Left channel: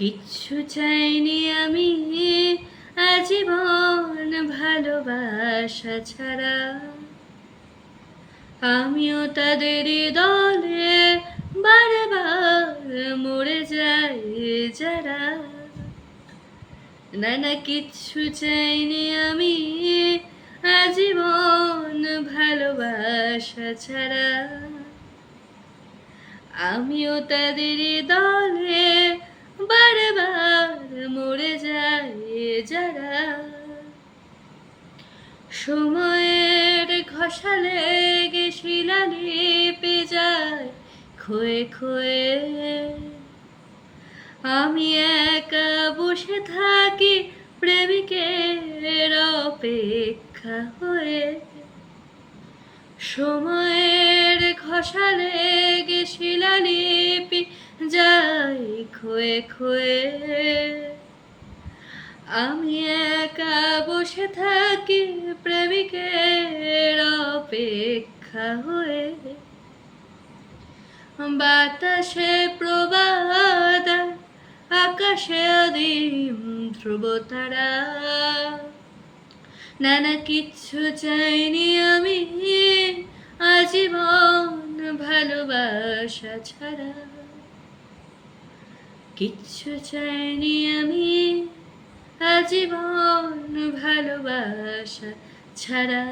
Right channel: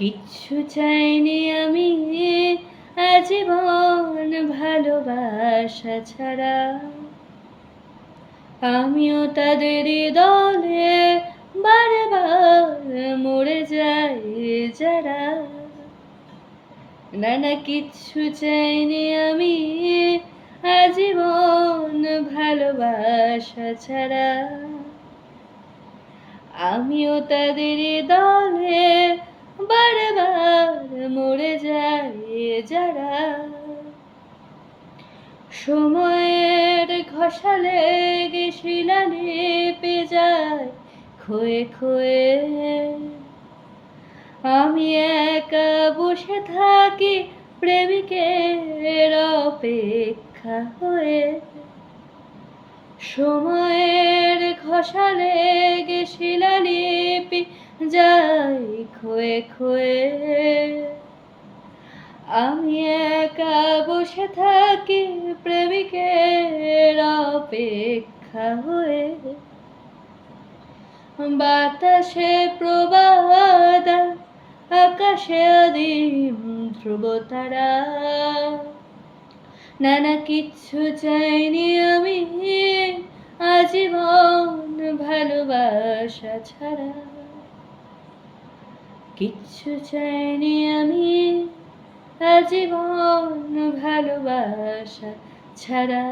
কিচ্ছু চাইনি আমি আজীবন ভালোবাসা ছাড়া। আমিও তাদের দলে বারবার মরে যাই যারা। না না, কিচ্ছু চাইনি আমি আজীবন ভালোবাসা ছাড়া। আমিও তাদের দলে বারবার মরে যাই যারা। সময়ের ঘষা লেগে শিলালিপি যায় ক্ষয়ে ক্ষয়ে। আমি একা বসে থাকি প্রেমিকের অপেক্ষা হয়ে। সময়ের ঘষা লেগে শিলালিপি যায় ক্ষয়ে ক্ষয়ে। আমি একা বসে থাকি প্রেমিকের অপেক্ষা হয়ে। বাতাসে প্রবাদ, আকাশে আদিম ধ্রুবতারা। না না, কিচ্ছু চাইনি আমি আজীবন ভালোবাসা ছাড়া। কিচ্ছু চাইনি আমি আজীবন ভালোবাসা ছাড়া।